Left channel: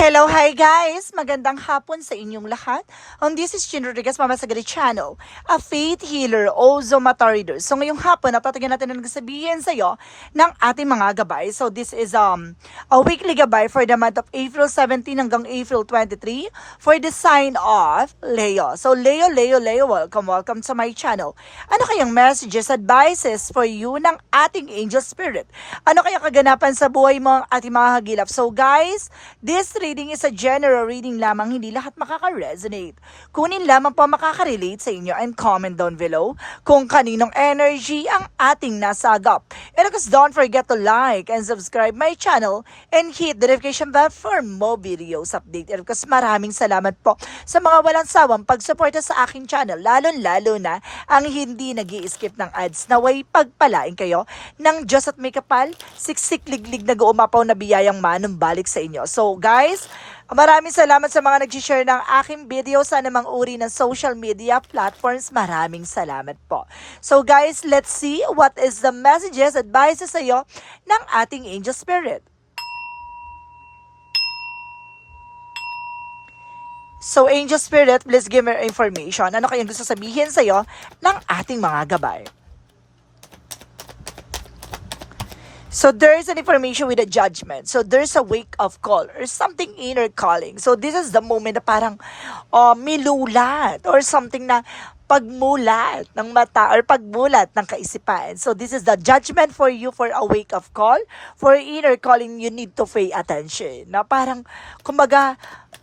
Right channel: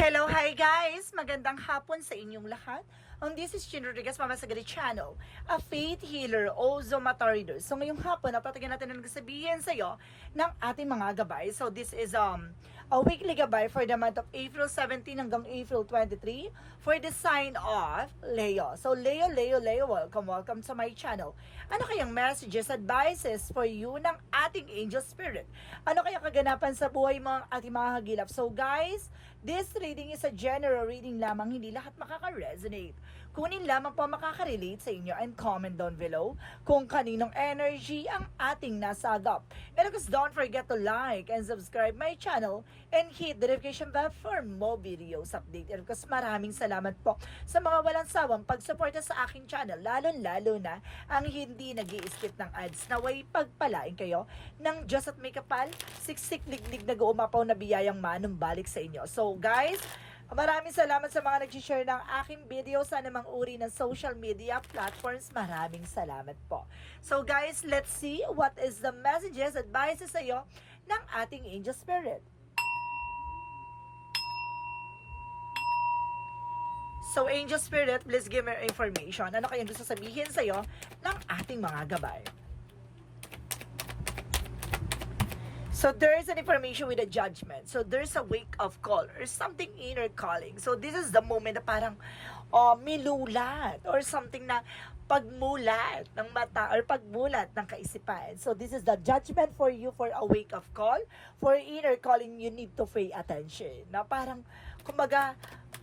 Hello, hi guys! Magandang hapon sa inyong lahat. Um, this is Chin Rodriguez, Mama Sagari Channel, a faith healer, also mata reader. So ngayong hapon, natatagyan natin ang sabihin sa iyo ng ating mga gabay. So this is um a weekly gabay for the month of April 17 hanggang April 23 for the sign of Leo. So Leo, Leo, Leo, welcome, welcome to my channel. Ano kayang messages, advices for you ng ating angel spirit? Ano kaya kaganapan sa buhay mo ang ating mga hagilap? So guys, this reading is a general reading lamang, hindi lahat makaka-resonate. Kunin lamang po makaka-relate sa inyo and comment down below kung kaninong energy ang ating nasagap. And of course, don't forget to like and subscribe my channel and hit the notification bell for more videos update. And of course, maraming salamat po sa mga walang sawang pagsuporta sa aking channel, lalo-lalo na ang hindi nag skip ng ads. Naway pagpalain kayo ng Diyos at may kapal, siksik liglig na umapaw na biyayang manumbalik sa inyo. So guys, maraming salamat sa mga nag-share ng aking video sa anumang uri ng social media platforms. Maraming salamat po. So guys, let's see what is the messages, advices sa iyo ng ating angel spirit. So, Angel Spirit, please give me information. Ano kayong gusto sabihin sa'yo ng ating mga gabay? So, there's an information with a judgment. So, there's a wake-up call or something inner calling. So, this is the moment na parang uh, milulat or something na pagmulat ng mata or pagmulat ng kaisipan. So, this is the judgment for you for a wake-up call. For inner calling, you need to pay attention. Na parang, kumbaga,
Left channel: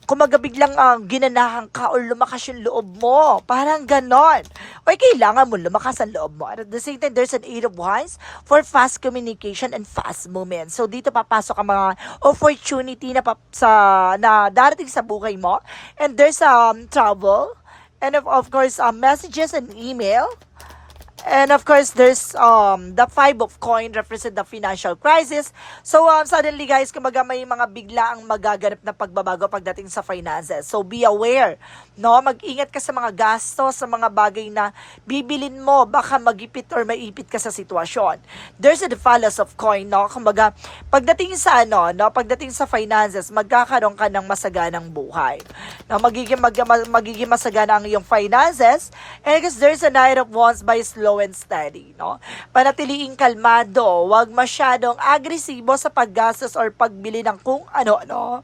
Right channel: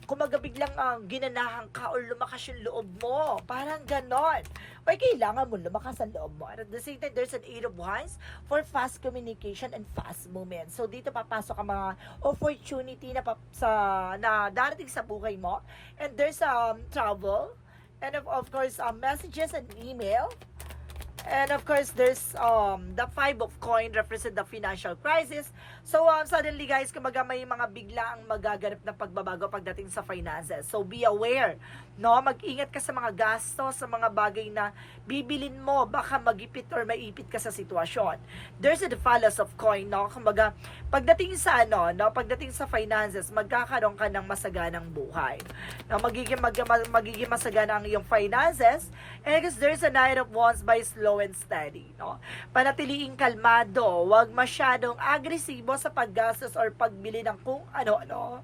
kumaga biglang uh, ginanahan ka or lumakas yung loob mo. Parang ganon. O kailangan mo lumakas ang loob mo. At the same time, there's an eight of wands for fast communication and fast movement. So dito papasok ang mga opportunity na, pap- sa, na darating sa buhay mo. And there's um, trouble. And of, of course, um, messages and email. And of course, there's um the five of coin represent the financial crisis. So um, suddenly guys, kumaga may mga bigla ang magaganap na pagbabago pagdating sa finances. So be aware, no? Mag-ingat ka sa mga gasto, sa mga bagay na bibilin mo, baka magipit or maipit ka sa sitwasyon. There's a fallace of coin, no? Kumbaga, pagdating sa ano, no? Pagdating sa finances, magkakaroon ka ng masaganang buhay. No? Magiging, mag, magiging masagana ang iyong finances. And because there's a knight of wands by slow and steady, no? Panatiliing kalmado, wag masyadong agresibo sa paggastos or pagbili ng kung ano-ano.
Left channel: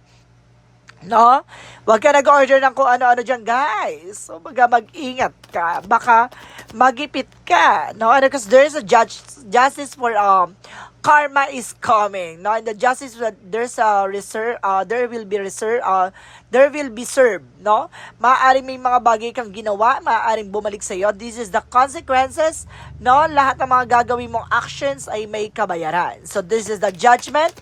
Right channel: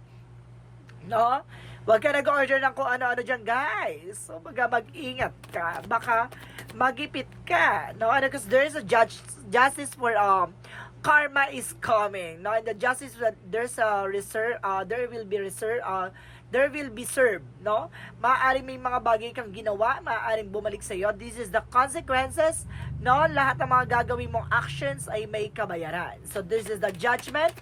No? Huwag ka nag-order ng kung ano-ano dyan, guys. So, baga mag-ingat ka. Baka magipit ka. No? And because there's a judge, justice for um, karma is coming. No? And the justice, there's a reserve, uh, there will be reserve, uh, there will be served. No? Maaaring may mga bagay kang ginawa, maaaring bumalik sa iyo. This is the consequences. No? Lahat ng mga gagawin mong actions ay may kabayaran. So, this is the judgment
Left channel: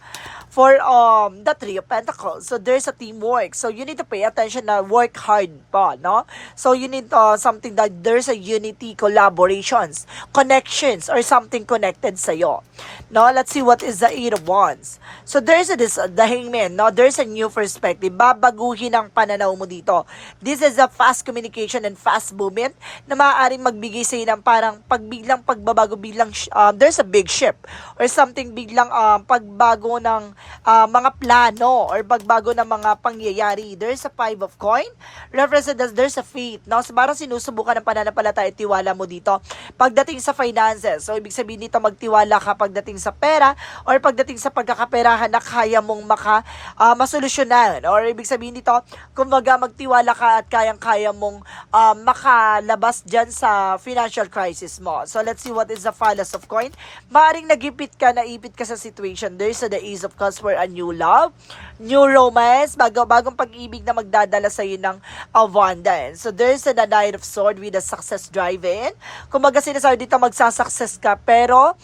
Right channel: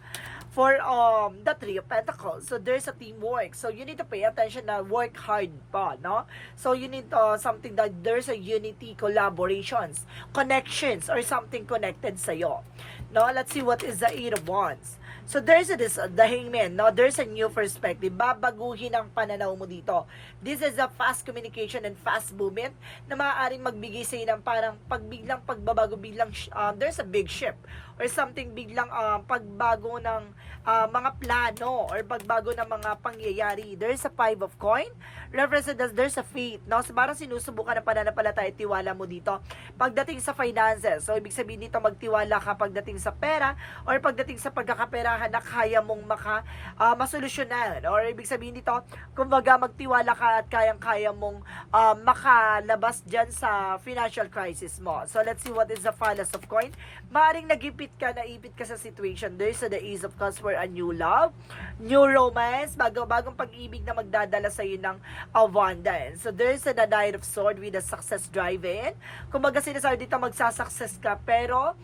for um the three of pentacles so there's a teamwork so you need to pay attention na work hard pa no so you need uh, something that there's a unity collaborations connections or something connected sa iyo no let's see what is the eight of wands so there's a this the hangman no there's a new perspective babaguhin ang pananaw mo dito this is a fast communication and fast movement na maaaring magbigay sa ng parang pagbiglang pagbabago biglang um, there's a big ship or something biglang um, pagbago ng uh, mga plano or pagbago ng mga pangyayari. There's a five of coin. Represent as there's a faith. No? So, parang sinusubukan ng pananampalataya at tiwala mo dito. Pagdating sa finances. So, ibig sabihin dito magtiwala ka pagdating sa pera or pagdating sa pagkakaperahan na kaya mong maka, uh, masolusyonan. Or ibig sabihin dito, kumbaga magtiwala ka at kayang-kaya mong uh, makalabas dyan sa financial crisis mo. So, let's see what is the fallace of coin. Maaring nagipit ka, naipit ka sa situation. There's a the ace of cups for a new love, new romance, bago, bagong pag-ibig na magdadala sa iyo ng abundance. So, there's a the knight of sword with a success drive-in. Kumbaga, sinasabi dito magsasuccess ka, pero,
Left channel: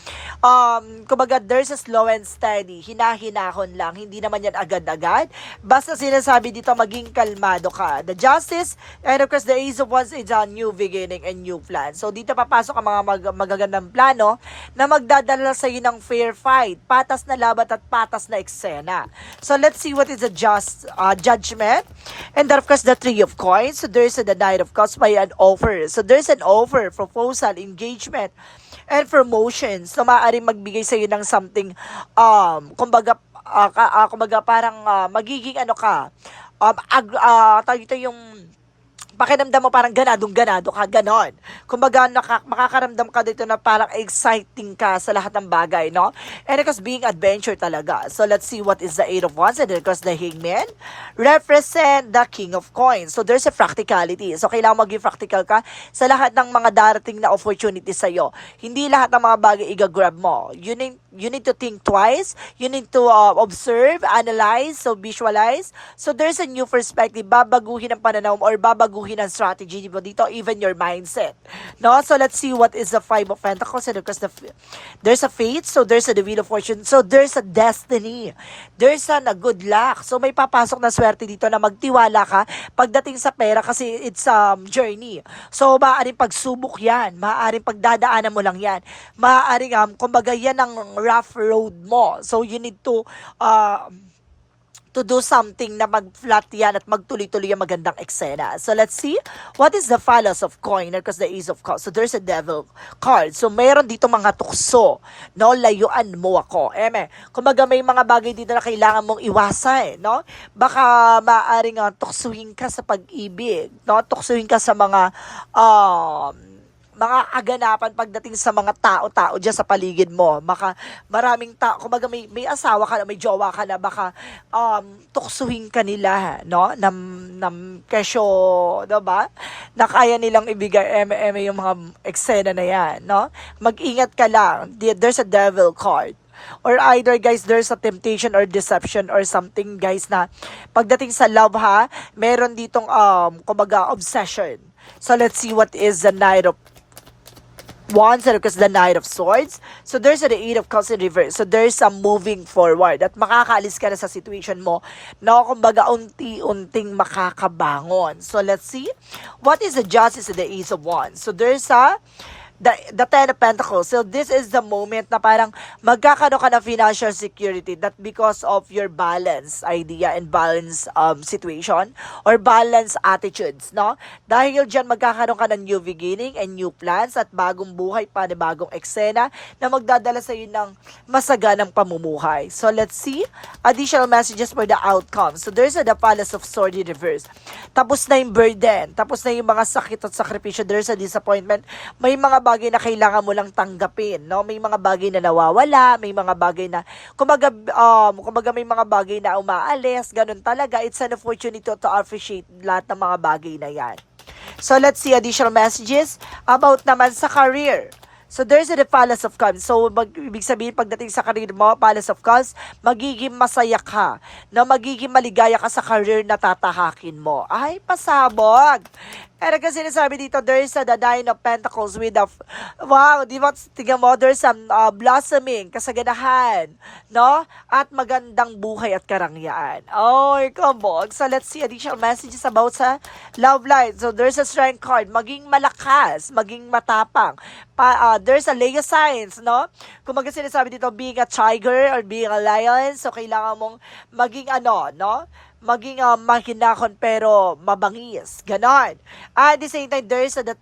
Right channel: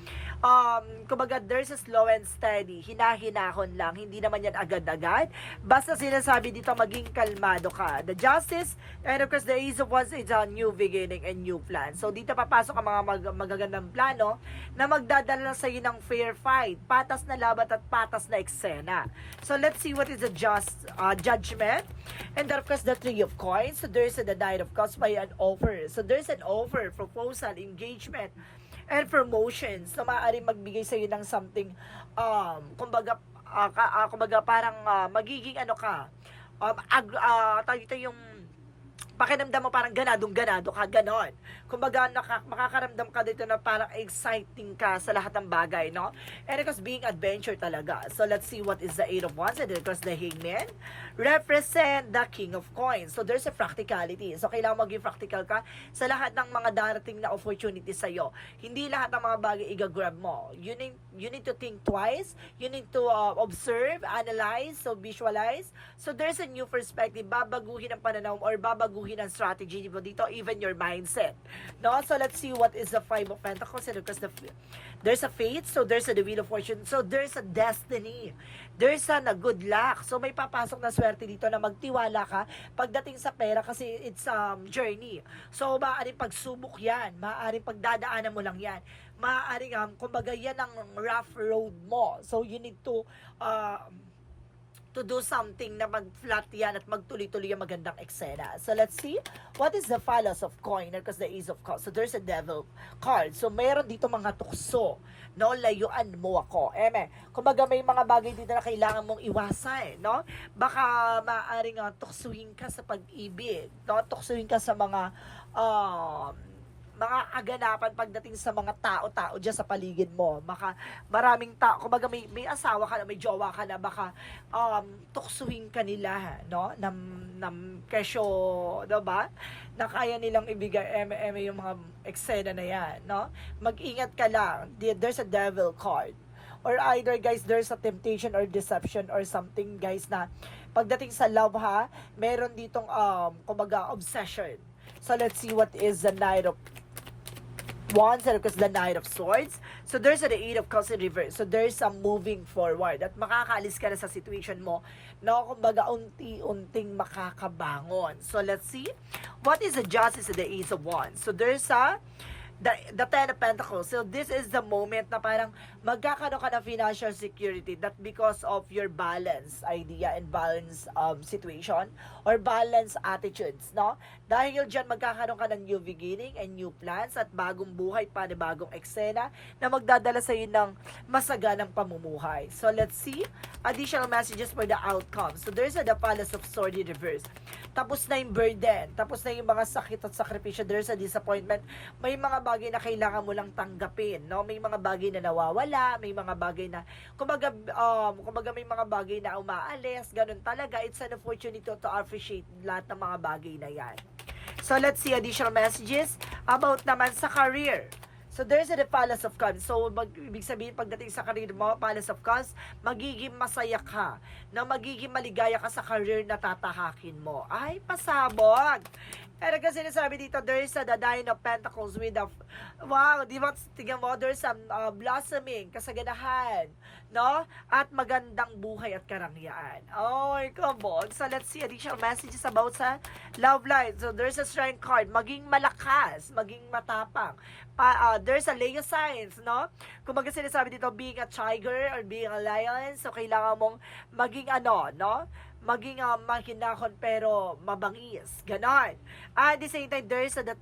um, kumbaga, there's a slow and steady. Hinahinahon lang. Hindi naman yan agad-agad. Basta sinasabi dito, maging kalmado ka. The justice, and of course, the ace of wands is a new beginning and new plan. So, dito papasok ang mga mag magagandang plano na magdadala sa iyo ng fair fight, patas na labat at patas na eksena. So, let's see what is the just uh, judgment. And then, of course, the three of coins. So, there's the knight of cups by an offer. So, there's an offer, proposal, engagement, and promotions na maaaring magbigay sa iyo ng something, um, kumbaga, ah, kumbaga parang ah, magiging ano ka, um, ag, tawag ito yung pakiramdam mo parang ganadong ganado ka, ganon. Kumbaga, naka, makakaramdam ka dito na parang exciting ka sa lahat ng bagay, no? And because being adventure talaga. So, let's see what is the Eight of Wands and because the Hangman represent the King of Coins. So, there's a practicality. So, kailangan maging practical ka sa lahat ng mga darating na opportunity sa'yo. Hindi lahat ng mga bagay igagrab mo. You need, you need to think twice. You need to uh, observe, analyze, so visualize. So, there's a new perspective. Babaguhin ang pananaw mo or babaguhin ang strategy mo dito, even your mindset. No? So, let's see what is the Five of Pentacles and because the, there's a fate, so there's a the Wheel of Fortune, so there's a destiny. There's a, na good luck. So, may papasok na swerte dito na magtiwala ka pagdating sa pera kasi it's um, journey. So, maaaring pagsubok yan. Maaaring pagdadaanan mo lang yan. Maaaring, um, kumbaga, yan ang rough road mo. So, you need to, uh, to do something na mag-flat yan at magtuloy-tuloy ang magandang eksena. So, let's see. What is the phallus of coin? Because the ace of cups. So, there's a devil card. So, meron dito mga tukso. No? Layuan mo ako. Eme, kumbaga may mga bagay dito na kailangan mong iwasan. No? Baka maaaring uh, tuksuhin ka sa pag-ibig. No? Tuksuhin ka sa mga um, mga aganapan pagdating sa mga tao-tao dyan sa paligid mo. Maka, maraming tao, kumbaga may, may asawa ka na, may jowa ka na, baka um, tuksuhin ka nila, no? Nam, nam kesyo, no ba? Na kaya nilang ibigay eme-eme yung mga eksena na yan, no? Mag-ingat ka lang. There- There's a devil card or either guys there's a temptation or deception or something guys na pagdating sa love ha meron ditong um kumbaga obsession so let's see what is the night of Wands and because the Knight of Swords. So there's the Eight of Cups in reverse. So there's a moving forward at makakaalis ka na sa situation mo na kumbaga unti-unting makakabangon. So let's see. What is the Justice and the Ace of Wands? So there's a the, the Ten of Pentacles. So this is the moment na parang magkakaroon ka ng financial security that because of your balance idea and balance um, situation or balance attitudes, no? Dahil dyan magkakaroon ka ng new beginning and new plans at bagong buhay pa bagong eksena na magdadala sa iyo ng masaganang pamumuhay. So let's see additional messages for the outcome. So there's a the Palace of Sword in reverse. Tapos na yung burden, tapos na yung mga sakit at sakripisyo, there's a disappointment. May mga bagay na kailangan mo lang tanggapin, no? May mga bagay na nawawala, may mga bagay na kumbaga um kumbaga may mga bagay na umaalis, ganun talaga. It's an opportunity to, to appreciate lahat ng mga bagay na 'yan. So let's see additional messages about naman sa career. So there's the Palace of Cups. So mag, ibig sabihin pagdating sa career mo, Palace of Cups, magiging masaya ka. Na magiging maligaya ka sa career na tatahakin mo. Ay, pasabog. Pero kasi sinasabi dito, there's a the Nine of Pentacles with a, wow, di ba, tingnan mo, there's some uh, blossoming, kasaganahan, no? At magandang buhay at karangyaan. Oh, kabog. So, let's see additional messages about sa love life. So, there's a strength card, maging malakas, maging matapang. Pa, uh, there's a Leo signs, no? Kung mag sinasabi dito, being a tiger or being a lion, so kailangan mong maging ano, no? Maging uh, mahinahon pero mabangis. Ganon. At the same time, there's a, the,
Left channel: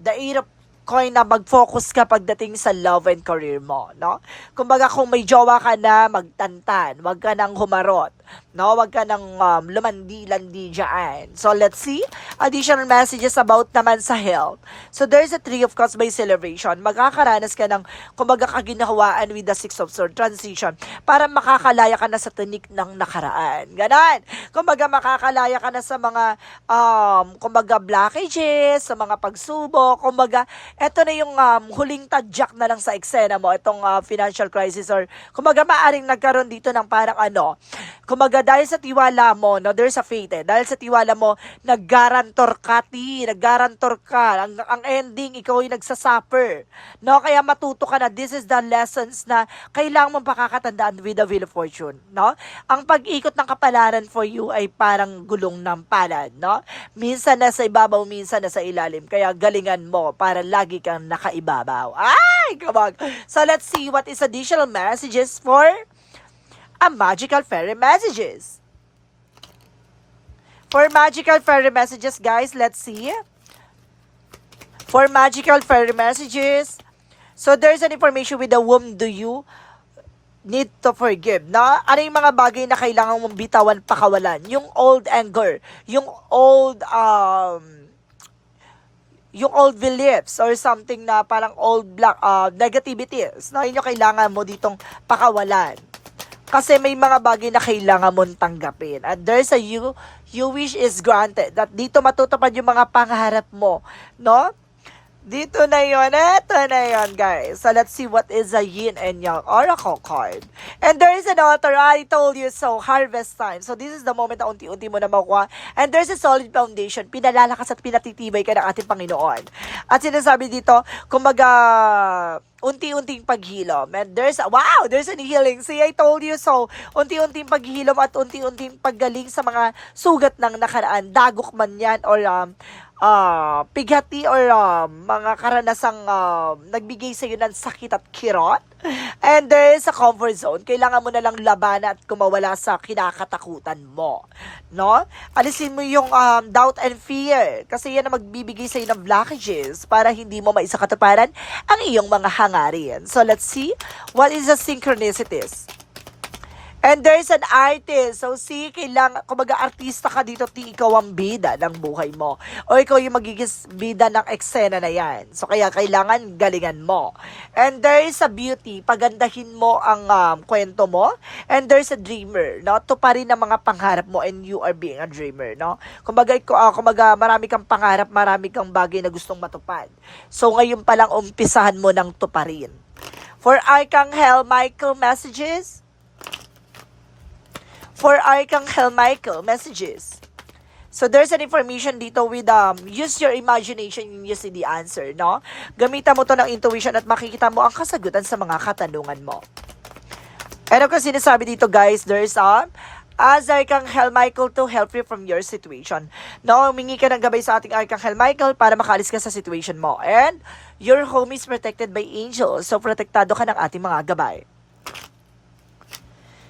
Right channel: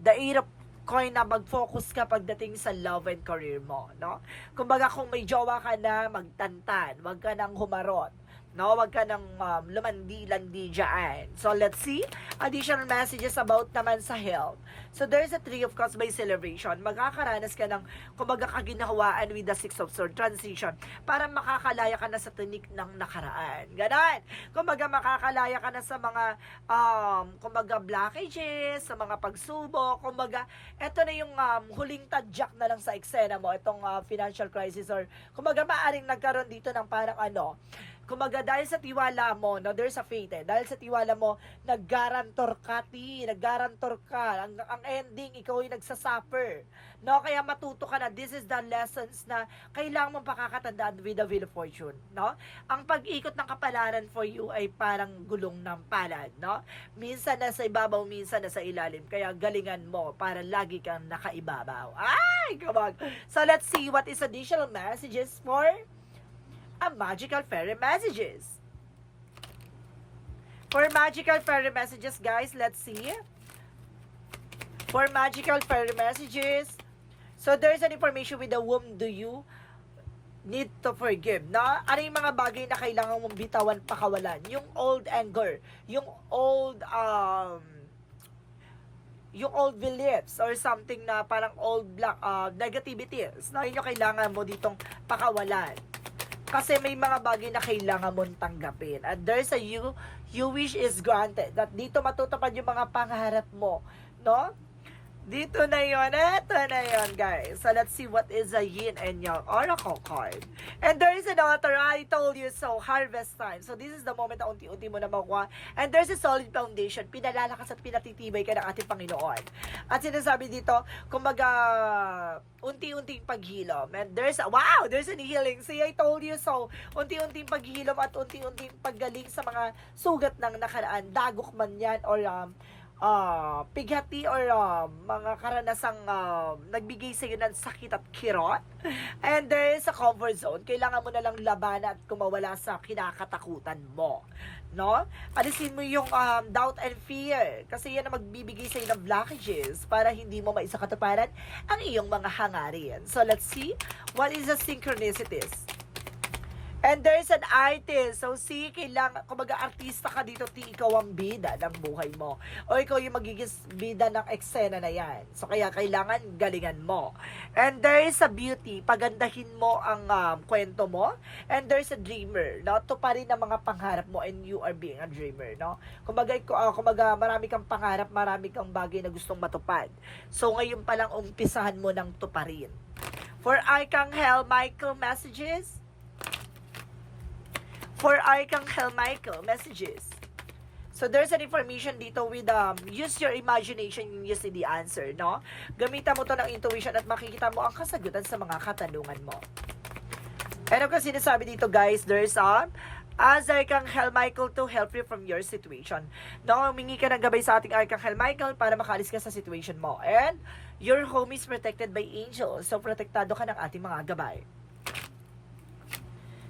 the eight coin na mag-focus ka pagdating sa love and career mo, no? Kumbaga kung may jowa ka na, magtantan, wag ka nang humarot, no? Wag ka nang um, lumandi-landi dyan. So let's see additional messages about naman sa health. So there's a three of cups by celebration. Magkakaranas ka ng kumbaga kaginahawaan with the six of swords transition para makakalaya ka na sa tinik ng nakaraan. Ganon. Kumbaga makakalaya ka na sa mga um, kumbaga blockages, sa mga pagsubok, kumbaga eto na yung um, huling tadyak na lang sa eksena mo, itong uh, financial crisis or kumbaga maaring nagkaroon dito ng parang ano, kumbaga dahil sa tiwala mo, no, there's a faith eh, dahil sa tiwala mo, naggarantor ka, ti, naggarantor ka, ang, ang ending, ikaw ay nagsasuffer, no, kaya matuto ka na, this is the lessons na kailangan mong pakakatandaan with the wheel of fortune, no, ang pag-ikot ng kapalaran for you ay parang gulong ng palad, no, minsan nasa ibabaw, minsan nasa ilalim, kaya galingan mo para lagi kang nakaibabaw. Ay, kabag. So let's see what is additional messages for a magical fairy messages. For magical fairy messages, guys, let's see. For magical fairy messages, so there's an information with the whom do you need to forgive, na ano yung mga bagay na kailangan mong bitawan, pakawalan. Yung old anger, yung old, um, yung old beliefs or something na parang old black uh, negativities na yung kailangan mo ditong pakawalan. Kasi may mga bagay na kailangan mong tanggapin. And there's a you, you wish is granted. That dito matutupad yung mga pangarap mo. No? Dito na yon Ito na yon guys. So, let's see what is a yin and yang oracle card. And there is an author, I told you so, harvest time. So, this is the moment na unti-unti mo na makuha. And there's a solid foundation. Pinalalakas at pinatitibay ka ng ating Panginoon. At sinasabi dito, kumbaga, unti-unting paghilom. And there's, a, wow, there's an healing. See, I told you so. Unti-unting paghilom at unti-unting paggaling sa mga sugat ng nakaraan. Dagok man yan or um, ah pighati or um, mga karanasang um, nagbigay sa iyo ng sakit at kirot. And there is a comfort zone. Kailangan mo na lang labanan at kumawala sa kinakatakutan mo. No? Alisin mo yung um, doubt and fear. Kasi yan ang magbibigay sa iyo ng blockages para hindi mo maisakatuparan ang iyong mga hangarin. So let's see what is the synchronicities. And there's an artist. So, see, kailangan, kumbaga artista ka dito, ti ikaw ang bida ng buhay mo. O ikaw yung magiging bida ng eksena na yan. So, kaya kailangan galingan mo. And there is a beauty. Pagandahin mo ang um, kwento mo. And there's a dreamer, no? Tuparin ang mga pangarap mo and you are being a dreamer, no? Kumbaga, ah, kumbaga marami kang pangarap, marami kang bagay na gustong matupad. So, ngayon pa lang umpisahan mo ng tuparin. For Archangel Michael messages, for Archangel Michael messages. So there's an information dito with um use your imagination yung use the answer, no? Gamitan mo to ng intuition at makikita mo ang kasagutan sa mga katanungan mo. Ano kasi sinasabi dito guys, there's um as Archangel Michael to help you from your situation. No, humingi ka ng gabay sa ating Archangel Michael para makaalis ka sa situation mo. And your home is protected by angels. So protektado ka ng ating mga gabay.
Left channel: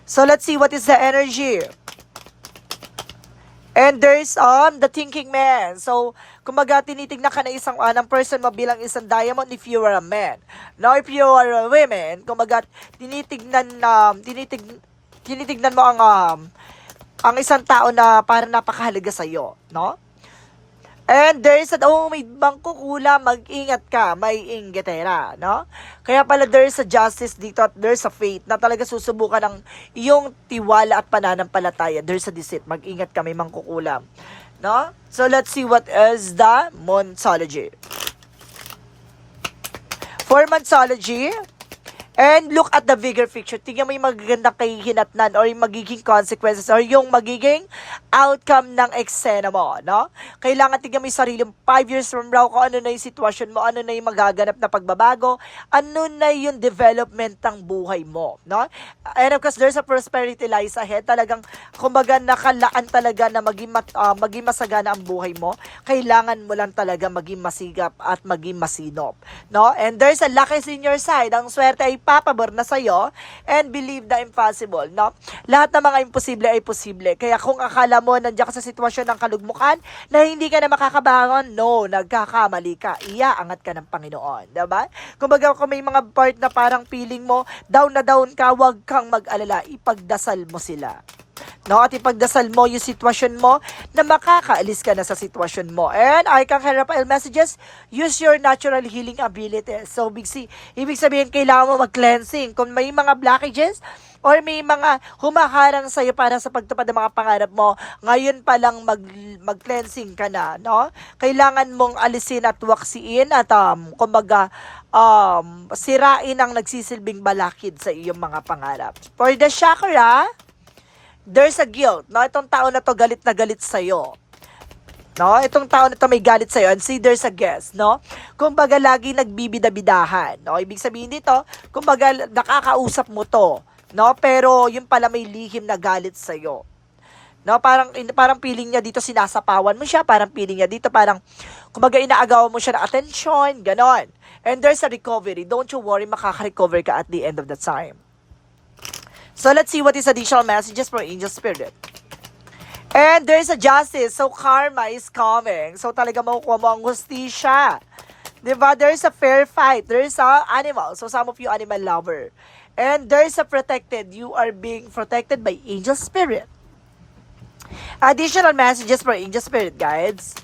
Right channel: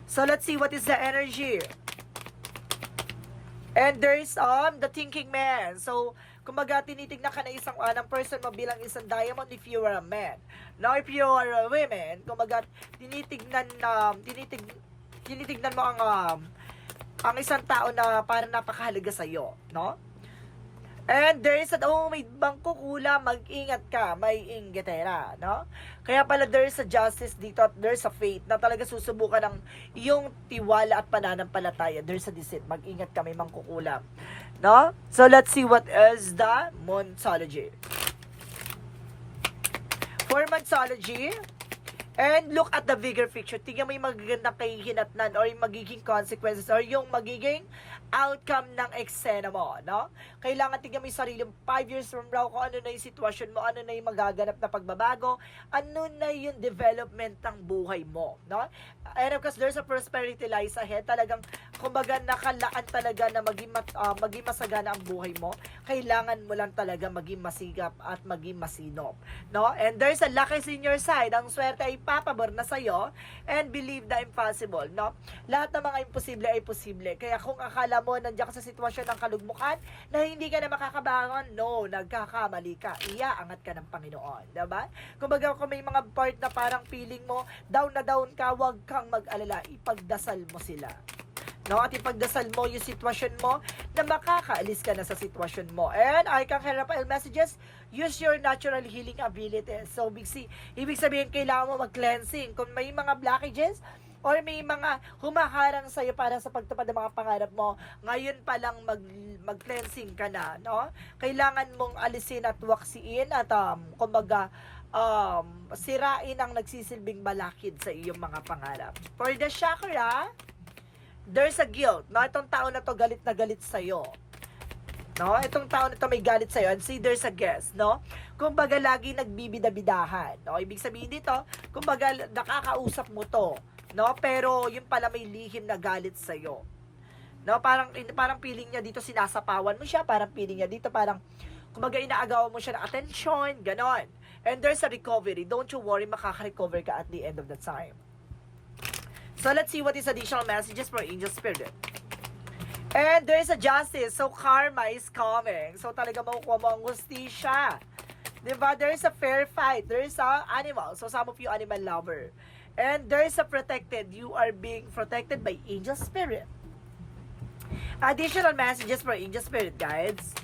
So let's see what is the energy. And there's um the thinking man. So kumbaga tinitignan ka na isang anang person mo bilang isang diamond if you are a man. Now if you are a woman, kumbaga tinitignan na tinitig tinitignan mo ang um, ang isang tao na para napakahalaga sa iyo, no? And there is a, oh, may bangkukula, mag-ingat ka, may ingetera, no? Kaya pala there is a justice dito at there's a faith na talaga susubukan ng iyong tiwala at pananampalataya. There's a deceit, mag-ingat ka, may mangkukulam, no? So let's see what is the Monsology. For Monsology, And look at the bigger picture. Tingnan mo yung magagandang kahihinatnan or yung magiging consequences or yung magiging outcome ng eksena mo, no? Kailangan tingnan mo yung sarili mo 5 years from now kung ano na yung sitwasyon mo, ano na yung magaganap na pagbabago, ano na yung development ng buhay mo, no? And of course, there's a prosperity lies ahead. Talagang, kumbaga, nakalaan talaga na maging, mat, ah, maging masagana ang buhay mo. Kailangan mo lang talaga maging masigap at maging masinop, no? And there's a luck is in your side. Ang swerte ay papabor na sa'yo and believe the impossible, no? Lahat ng mga imposible ay posible. Kaya kung akala mo nandiyan ka sa sitwasyon ng kalugmukan na hindi ka na makakabangon, no, nagkakamali ka. Iaangat ka ng Panginoon, 'di ba? Kumbaga kung may mga part na parang feeling mo down na down ka, wag kang mag-alala, ipagdasal mo sila. No, at ipagdasal mo yung sitwasyon mo na makakaalis ka na sa sitwasyon mo. And I can Rafael messages, use your natural healing abilities. So, big C, ibig sabihin, kailangan mo mag-cleansing. Kung may mga blockages, or may mga humaharang sa'yo para sa pagtupad ng mga pangarap mo, ngayon pa lang mag, mag-cleansing ka na, no? Kailangan mong alisin at waksiin at, um, kumbaga, um, sirain ang nagsisilbing balakid sa iyong mga pangarap. For the chakra, there's a guilt. No, itong tao na to galit na galit sa iyo. No, itong tao na to may galit sa iyo and see there's a guest, no? Kumbaga lagi nagbibida-bidahan, no? Ibig sabihin dito, kumbaga nakakausap mo to, no? Pero yun pala may lihim na galit sa iyo. No, parang parang feeling niya dito sinasapawan mo siya, parang feeling niya dito parang kumbaga inaagawan mo siya ng attention, ganon. And there's a recovery. Don't you worry, makaka-recover ka at the end of the time. So let's see what is additional messages for angel spirit. And there's a justice. So karma is coming. So talaga makukuha mo ang hustisya. Diba? There's a fair fight. There's a animal. So some of you animal lover. And there's a protected. You are being protected by angel spirit. Additional messages for angel spirit guides.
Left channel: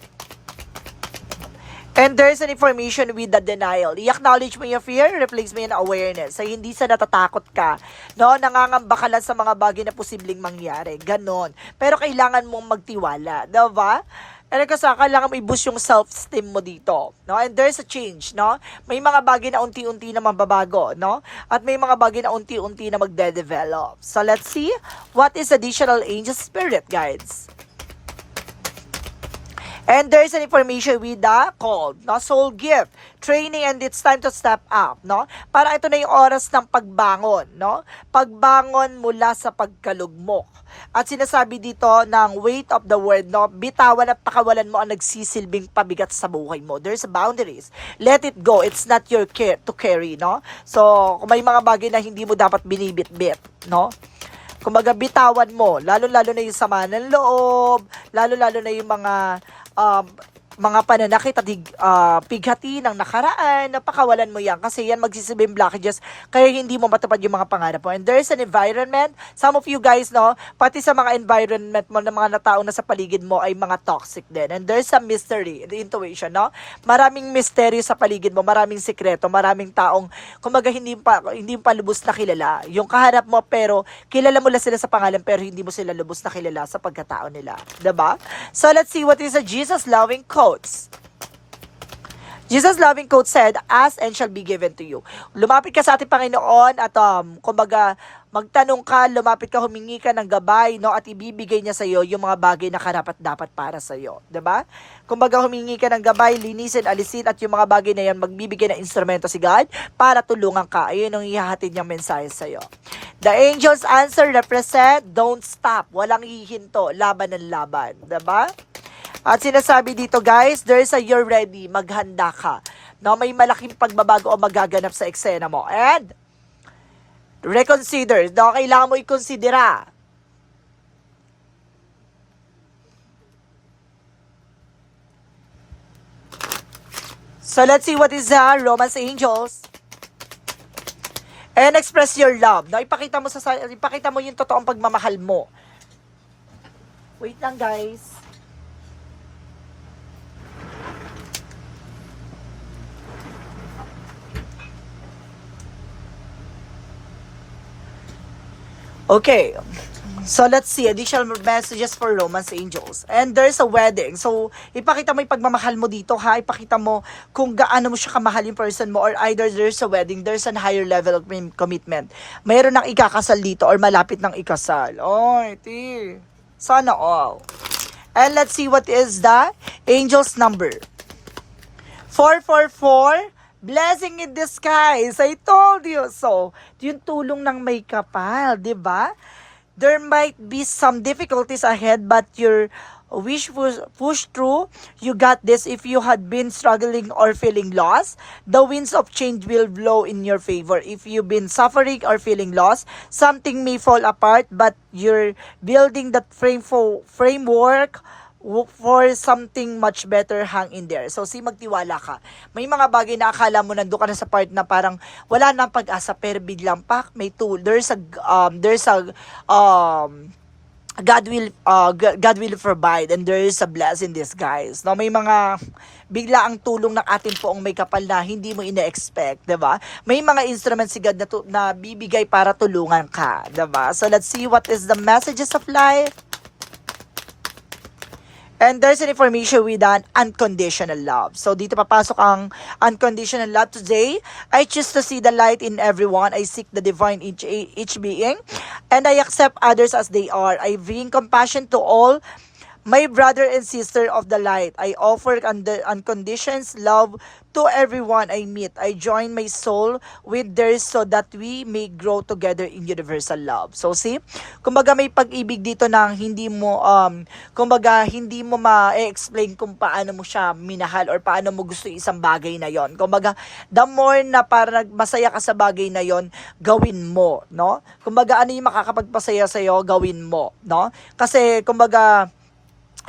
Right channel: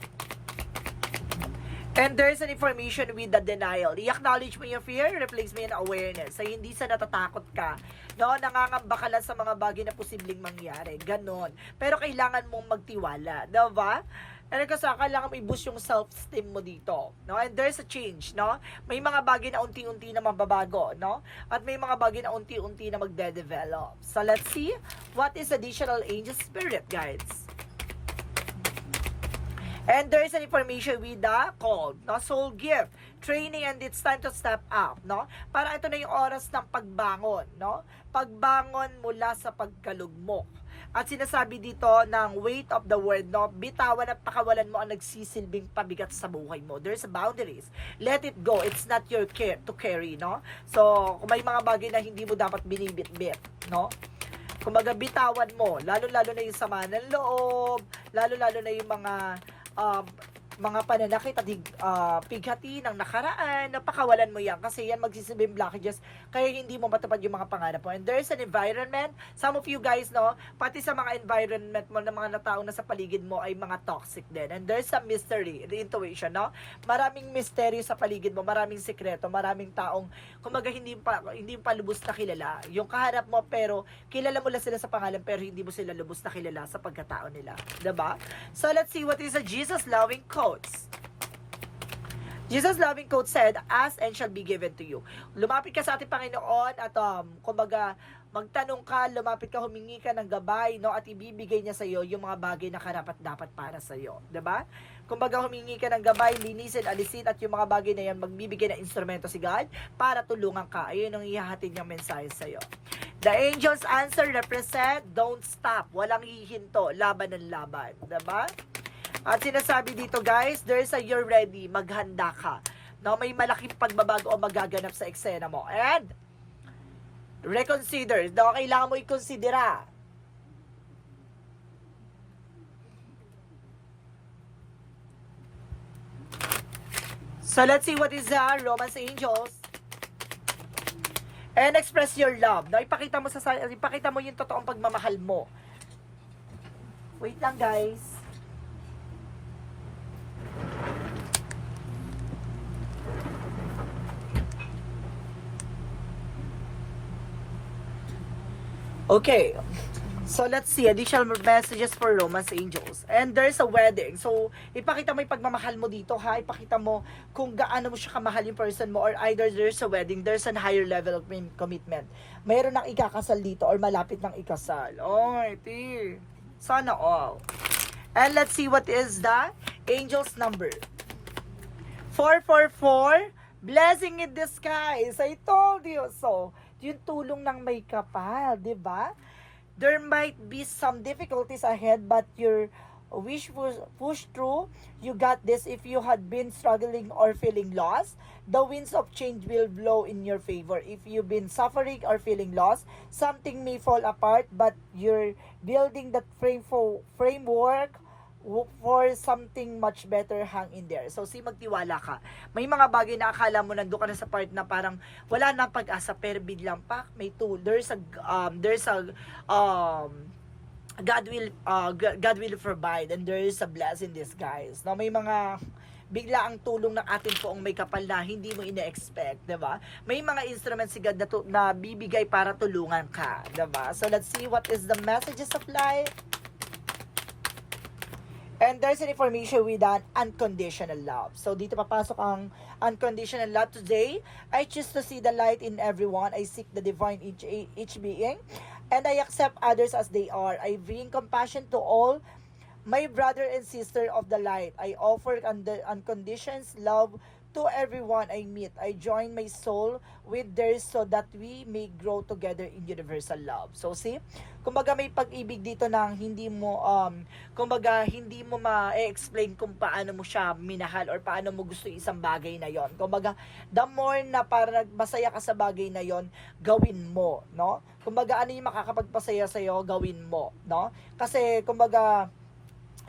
And there's an information with the denial. I-acknowledge mo yung fear, replace mo yung awareness. So, hindi sa natatakot ka. No? Nangangamba ka lang sa mga bagay na posibleng mangyari. Ganon. Pero kailangan mong magtiwala. Diba? And kasi kailangan mo i-boost yung self-esteem mo dito. No? And there's a change. No? May mga bagay na unti-unti na mababago. No? At may mga bagay na unti-unti na magde-develop. So, let's see what is additional angel spirit guides. And there's an information with the called, no? Soul gift, training, and it's time to step up, no? Para ito na yung oras ng pagbangon, no? Pagbangon mula sa pagkalugmok. At sinasabi dito ng weight of the word, no? Bitawan at pakawalan mo ang nagsisilbing pabigat sa buhay mo. There's boundaries. Let it go. It's not your care to carry, no? So, kung may mga bagay na hindi mo dapat binibit-bit, no? Kumbaga, bitawan mo. Lalo-lalo na yung sama ng loob. Lalo-lalo na yung mga um, mga pananakit at hig- ah, pighati ng nakaraan, napakawalan mo yan kasi yan magsisibing blockages kaya hindi mo matupad yung mga pangarap mo. And there's an environment, some of you guys, no, pati sa mga environment mo ng mga natao na sa paligid mo ay mga toxic din. And there's a mystery, the intuition, no? Maraming misteryo sa paligid mo, maraming sikreto, maraming taong, kumaga hindi pa, hindi pa lubos na kilala. Yung kaharap mo pero kilala mo lang sila sa pangalan pero hindi mo sila lubos na kilala sa pagkatao nila. 'Di ba? So let's see what is a Jesus loving quotes. Jesus loving quote said, Ask and shall be given to you. Lumapit ka sa ating Panginoon at um, kumbaga, magtanong ka, lumapit ka, humingi ka ng gabay, no? At ibibigay niya sa iyo yung mga bagay na karapat dapat para sa iyo. ba? Kumbaga, humingi ka ng gabay, linisin, alisin, at yung mga bagay na yan, magbibigay ng instrumento si God para tulungan ka. Ayun ang ihahatid niyang mensahe sa iyo. The angel's answer represent, don't stop. Walang hihinto, laban ng laban. ba? At sinasabi dito guys, there is a you're ready, maghanda ka. No, may malaking pagbabago o magaganap sa eksena mo. And reconsider, no, kailangan mo i-considera. So let's see what is uh, Romance Angels. And express your love. No, ipakita mo sa- ipakita mo yung totoong pagmamahal mo. Wait lang guys. Okay. So let's see, additional messages for romance angels. And there's a wedding. So ipakita mo yung pagmamahal mo dito ha. Ipakita mo kung gaano mo siya kamahal yung person mo or either there's a wedding, there's a higher level of com- commitment. Mayroon ng ikakasal dito or malapit ng ikasal. Oh, iti. Sana all. And let's see what is the angel's number. 444, blessing in disguise. I told you. So, yung tulong ng may kapal, di ba? There might be some difficulties ahead, but your wish push, push through. You got this. If you had been struggling or feeling lost, the winds of change will blow in your favor. If you've been suffering or feeling lost, something may fall apart, but you're building that frame for, framework for something much better hang in there. So, si magtiwala ka. May mga bagay na akala mo nandun ka na sa part na parang wala nang pag-asa pero biglang pak, may tool. There's a, um, there's a, um, God will, uh, God will provide and there is a blessing in disguise. No, may mga bigla ang tulong ng ating poong may kapal na hindi mo ina-expect, 'di ba? May mga instruments si God na, na bibigay para tulungan ka, 'di ba? So let's see what is the messages of life. And there's an information with an unconditional love. So dito papasok ang unconditional love today. I choose to see the light in everyone. I seek the divine each each being and I accept others as they are. I bring compassion to all my brother and sister of the light. I offer und- unconditional love to everyone I meet. I join my soul with theirs so that we may grow together in universal love. So see, kumbaga may pag-ibig dito nang hindi mo um kumbaga hindi mo ma-explain kung paano mo siya minahal or paano mo gusto isang bagay na yon. Kumbaga the more na para masaya ka sa bagay na yon, gawin mo, no? Kumbaga ano yung makakapagpasaya sa iyo, gawin mo, no? Kasi kumbaga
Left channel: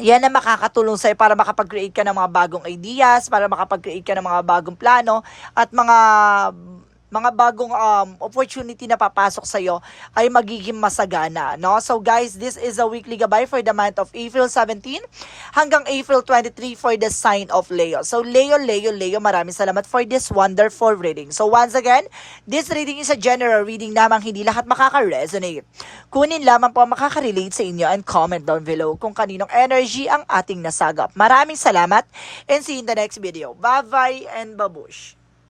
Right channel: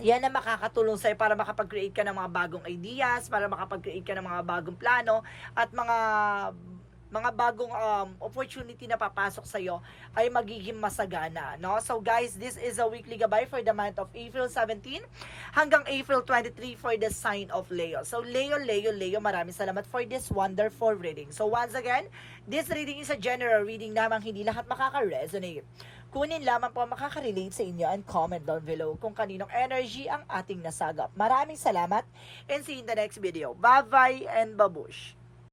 yan ang makakatulong sa'yo para makapag-create ka ng mga bagong ideas, para makapag-create ka ng mga bagong plano, at mga mga bagong um, opportunity na papasok sa'yo ay magiging masagana. No? So guys, this is a weekly gabay for the month of April 17 hanggang April 23 for the sign of Leo. So Leo, Leo, Leo, maraming salamat for this wonderful reading. So once again, this reading is a general reading namang hindi lahat makaka-resonate. Kunin lamang po ang makaka-relate sa inyo and comment down below kung kaninong energy ang ating nasagap. Maraming salamat and see you in the next video. Bye-bye and babush!